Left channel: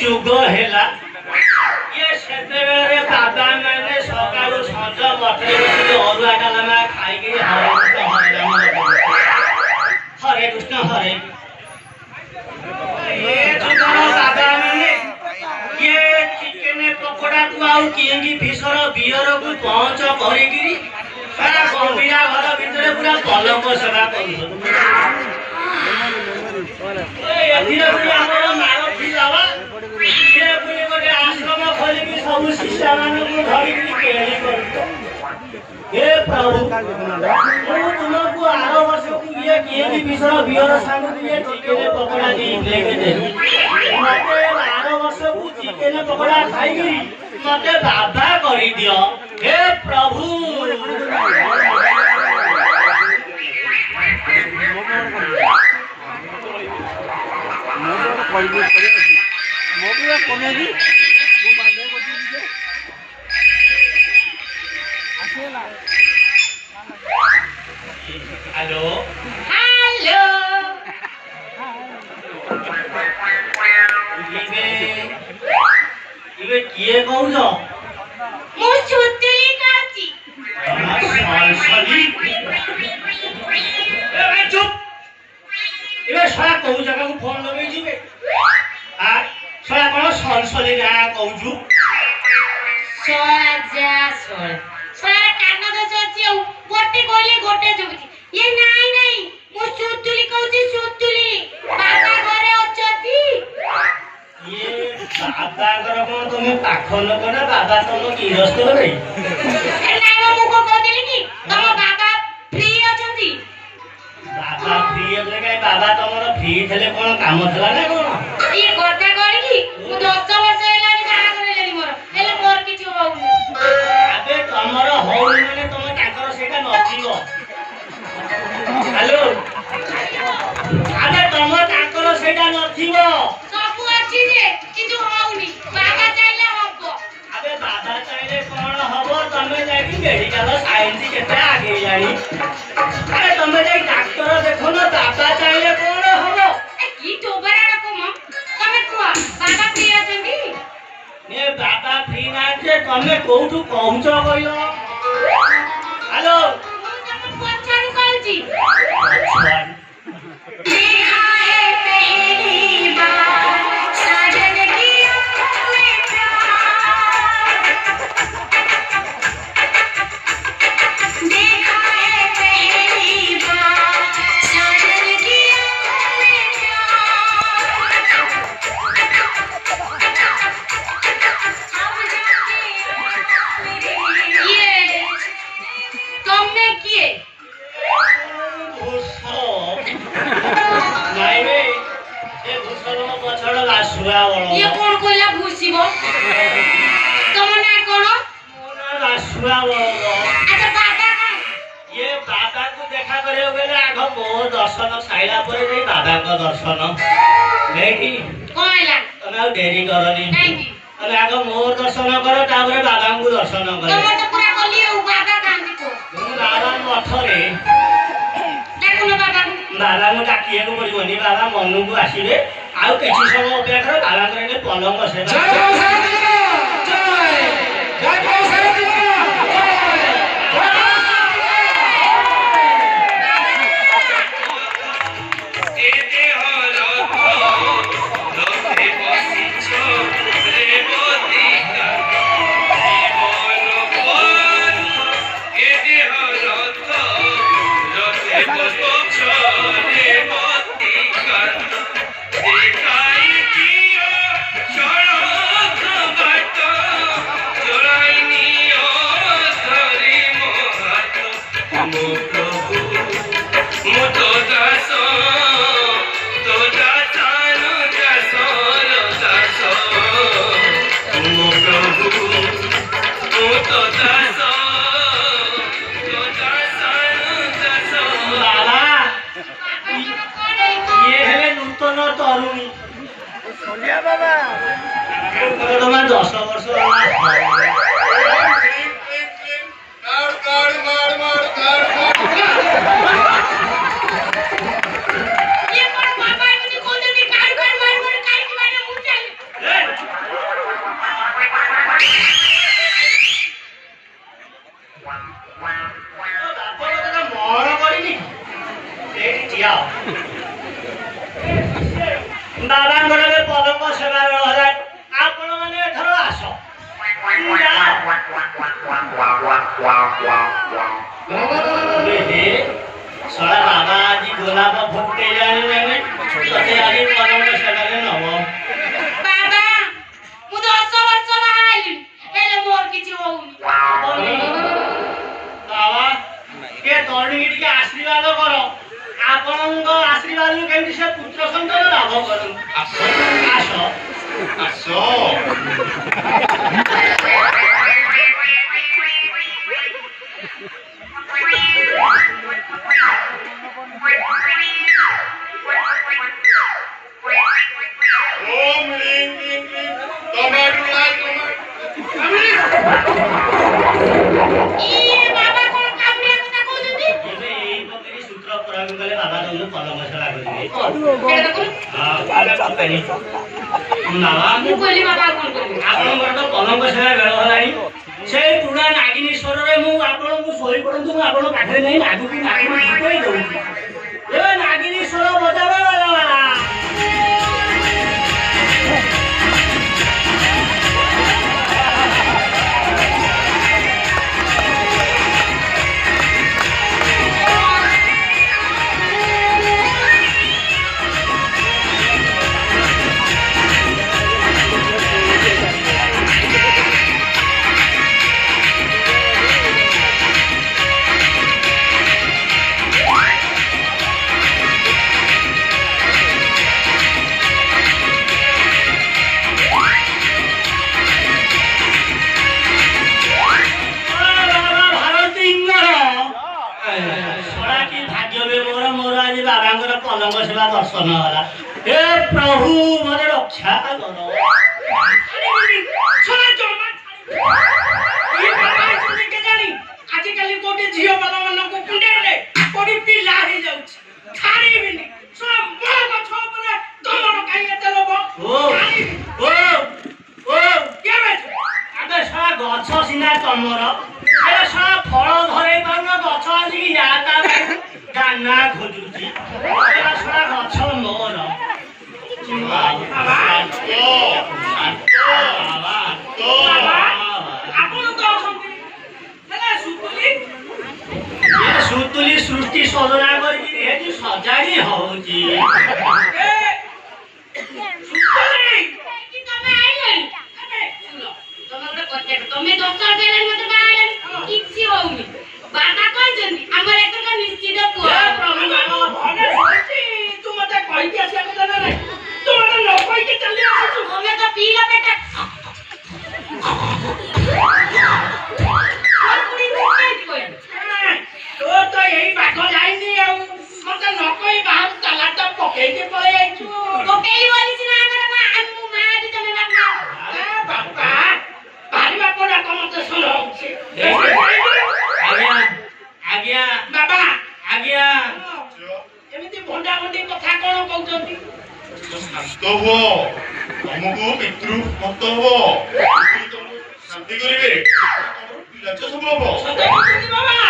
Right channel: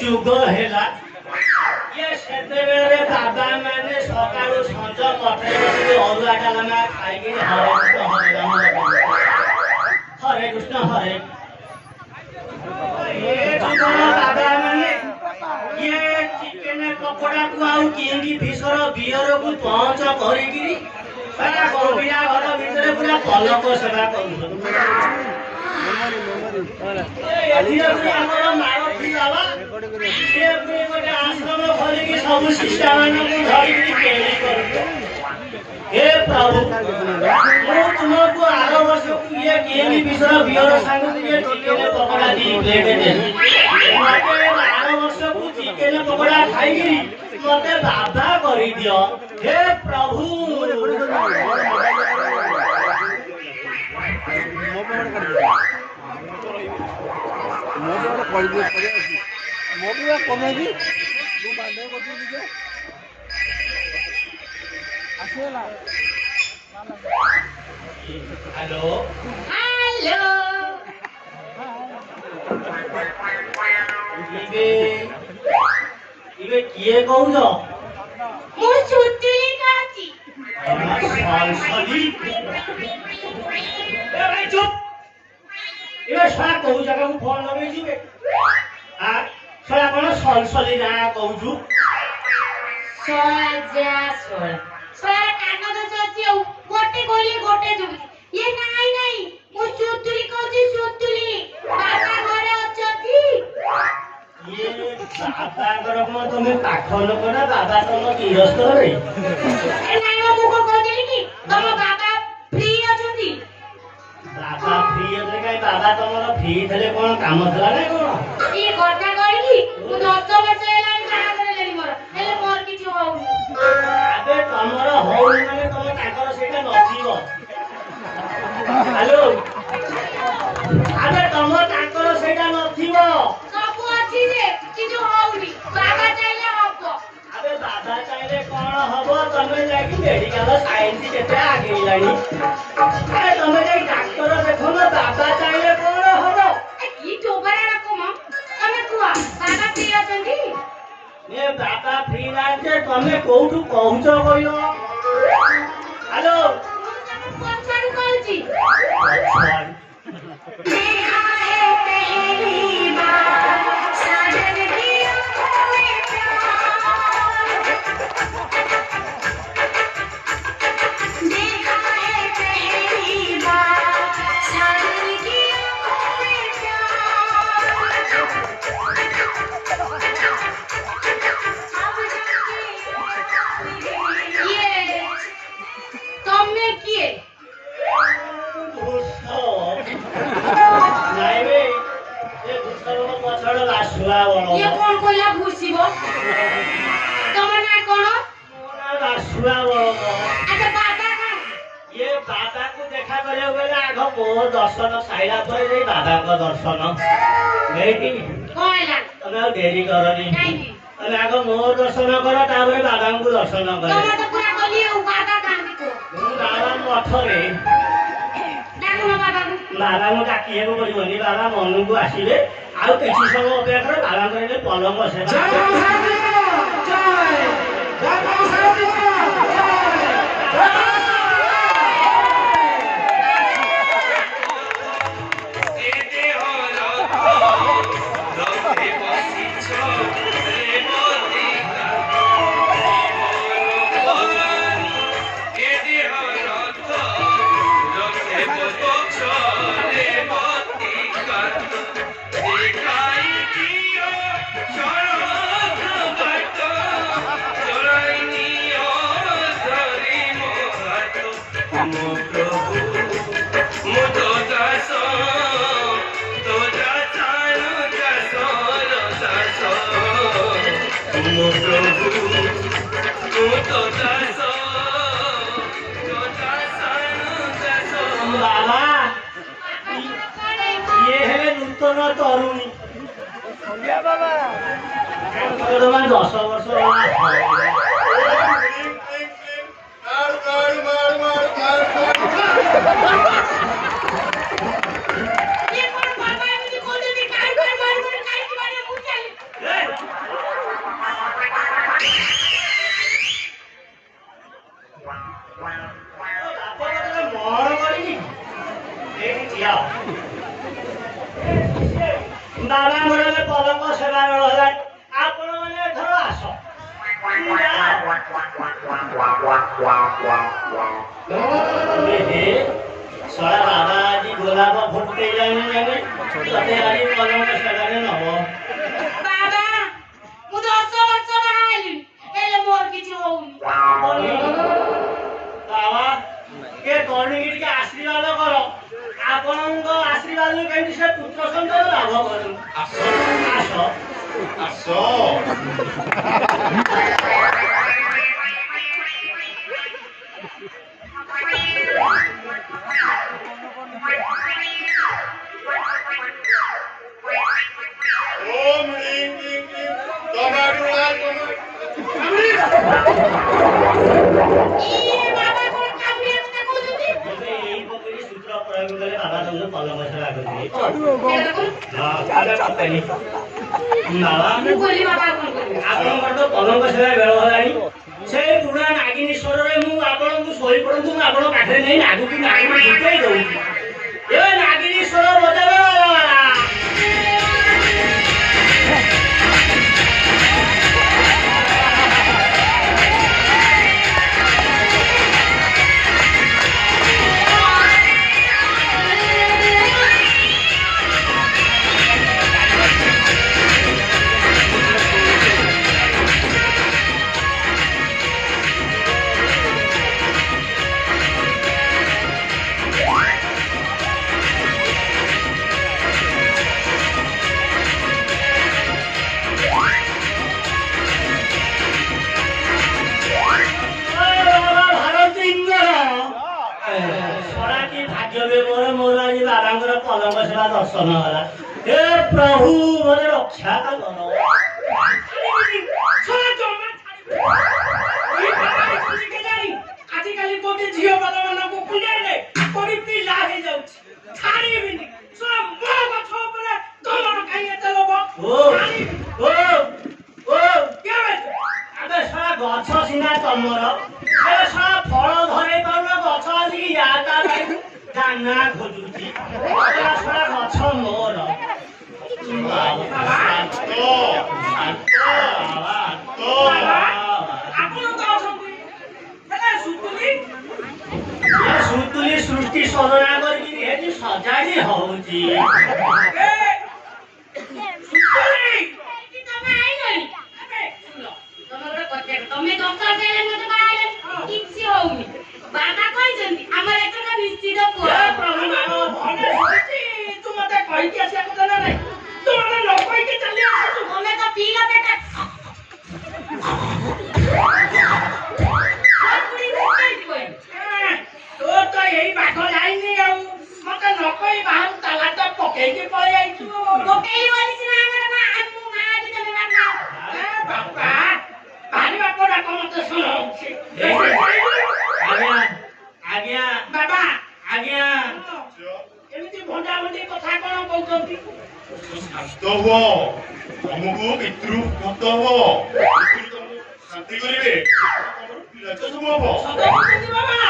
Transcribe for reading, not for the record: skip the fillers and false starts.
ଯୁଗ ହେଲା ଇଏ ସେତେବେଳେ ବାବା ମାନେ ସକାଳୁ ସଞ୍ଜ ମଠରେ ବସିକି ଅରୁଆ ଡାଲମା ଖାଇକି ହରେ କୃଷ୍ଣ ହରେ ବାବା ମାନେ ଇଏ ଚିକେନ ପକୋଡାକୁ ଆଉ କିଙ୍ଗି ଫିସର ବିୟରକୁ ପହଞ୍ଚ କରିକିରି ଗମ୍ଭୀରା ଘର ଭିତରେ ପୁରା ପଲକ ସେବା କରୁଛନ୍ତି। ଆମର ମାଳତୀ ବାବା ସେ ଗୋଟେ ଆଶ୍ରମ ଖୋଲିକି ସବୁ ଶିଷ୍ୟା ମାନଙ୍କୁ ଧରିକି କେଳି କରୁଛ। हे प्रभु ମୁଁ ତୁମକୁ ଆର ବର୍ଷକୁ ଇଏ କିଙ୍ଗି ଫିସର ବିୟର ସାଙ୍ଗକୁ ଇଏ ଚିକେନ ପକୋଡା ଦେଇଦେବି। ଆର ବର୍ଷକୁ ଚିକେନ ପକୋଡା ଖାଇକିରି ମତେ ବାଧା କରିଦିଅ। हे प्रभु हेलो हेलो इबे किए कहउछ मु छुतली काची सलसली ए चुप इबे सारा कहू जगह को फोन लगै जिबे आ सारा कोन सलसली ना कहउछु सजा सोल सारा कान तो चची गोटे कोली गोटे जुबी ये नाही नाही मु सुतुली कहउची सुतुली बाबा घरे अछती ये बाबा घर कोन तुमे पाखो लोक ना बाबा तुम गिरस्त रे ए नाही मु को कहदिली कि तुम बाबा फ्री अछती बाबा फ्री એટલે કાઈ બાબા તમારો ફ્રી થલે કોણ કામ થલા ના કોણ એ ગોટા કરી कि मु 10 वर्ष हेलानी बाहा करे लेली मोर हेले मोर किछु होउ अबे तमरो होउ माने तमे ताकर सेटा नथिबो हेलो अबे तमे ताकर सेटा नथिबो सब अछि जे किछु होउनी बाबा चाइले हबो अबे बाबा चाइले कोन हबो तमे जाकी मेडिकल साइंस केते आगे जानी अरे तमे जे डॉक्टर देखो ना बाबा चाइले कोन हबो ए की टोबरा रखो म तमे कुआ बाबा फ्री अछंती ने बाबा फ्री ना जे तमे कोउठु कहउछ कइलो हेलो पछाड़ी कहउची पछाड़ी देखा है पहली बार साजन की आंखों में देखा है पहली बार साजन की आंखों में ये तुमने किए नहीं रे ये भूसर में पछड़ रासुरा वाला ये कौन कोला भूसीबो तुम ना कोन मोना रासुरा वाला अच्छा बाबा का ये बाबा को देखा करे बेला आगो मो दर्शन साइला पर जे बाबा को दर्शन लेटी कोइला तमे देरी करनी नहीं अरे आगो मो दर्शन कर तापर बाबा को दर्शन कर तमे तो पूरा बोली बाबा कांदी को बाबा मठरे बाबा को डाकिए को बोलिबनी बाबा मनु को आसीबे आ किछि समय अपेक्षा करे बाबा करे पलंग से जय ଜମା 10 ବର୍ଷ ବାବାଙ୍କର ପଦକ ସେବା ହେଲା ଆପଣ ମାନେ ଏଥର ଆସ ଶଳା ବାବା ଆଜି ଗୋଲାପ ଫୁଟେଇ ଜାଣିଲେଣି ତତେ ଆଜି ପଦକ ସେବାରେ ନବ ବାବା ମୁଁ 10 ବର୍ଷ ବାହା ହେଲିଣି ହେଲେ ମୋର କିଛି ହଉନି ବାବା ଟିକେ ତରୁଣୀକି ଟିକେ ଆଶୀର୍ବାଦ କର ଆପଣଙ୍କ ଆଶୀର୍ବାଦରୁ କେମିତି ସେ ପୁତ୍ର ସନ୍ତାନ ଲାଭ କରନ୍ତୁ ଆସ ଆସ ପଲଙ୍କ ସେବା ବେଳ ହେଲାଣି ସେଇ ପୁରୁଣା ନାଗିନୀଶ୍ୱରରେ ମୁଁ ଆପଣଙ୍କୁ ଶୋଇ ପଡନ୍ତୁ ମୁଁ ଆପଣଙ୍କ ପାଖରେ ନେଇ ନାଗୁକୁ ନାଗିନୀ ଜିତେଇ ଦଉଛି ଏ ନାଗିନୀଶ୍ୱର ବଜାବ ପଲଙ୍କ ସେବା ଦର୍ଶନ ହେଲା ହେ ପ୍ରଭୁ ମୋର ରକ୍ଷା କର ଆଜିକାଲି କୋଟି ଝିଅ ବାବା ମାନଙ୍କୁ କୁଣ୍ଡେଇଲେ କୋଟି ପିଲା ହେଇଯାଉଛି ଛାଡ଼ିବିନି ଶୁଣ ମୋ ଗଛ ଉପରେ ତମର କାହିଁ ଏତେ ଲୋଭ ଆବେ ଶଳା ଗଛ ସିନା ତମର ଏ ଶଳା ଫଳ ଧରେଇ ପାରୁନ ଗଛ ଆସିକି ତା ଦାନା ଖୋଜୁଛି ଶଳା ଗଛ ମୋର ସୁତୁଲି ସୃଷ୍ଟି ସଜନା କରିକି ହେଠି ସଜାଡି ହଉଛି ତମେ ଡକ୍ଟର କହିଲେ ମତେ ବାହାରେ କିଛି ହଉନି ବାବା କହିଛନ୍ତି ଆମର ଏଥର ନିଶ୍ଚିତ ପୁଅ ତୁ ମତେ କହିକି ଆସିବା କଥା ନା ନାହିଁ ତୁ ମତେ ନ କହିକି ଚାଲି ଆସୁଛୁ ତମେ ତ ପିଇଲା ପେଟ ତୋ ତ ଏଇ ବାଟ ଯାଇନି ଆଉ ମତେ ନ କହି ବାହାରୁ ତାଲାଟା ପକେଇକି ପଳେଇ ଯାଇଛୁ ପକେଇ ବଲିଛି ନା ଆମର ମା ଆଜି ତମେ ବାପା ଭାରି ବାପ ଡାକ ମତେ ଶୁଣଉଛି ଆଜ୍ଞା ବାବା ଆଜ୍ଞା ଏମିତି ଭଣ୍ଡା ଭଣ୍ଡି କଥା କଣ କହୁଛନ୍ତି ଶାନ୍ତ ହୁଅ ତମକୁ ପିତୃ ମୁକ୍ତ ହବ ଶାନ୍ତି କରିବେ ପିଲା ସବୁ ହବ ସତ କହୁଛନ୍ତି ବାବା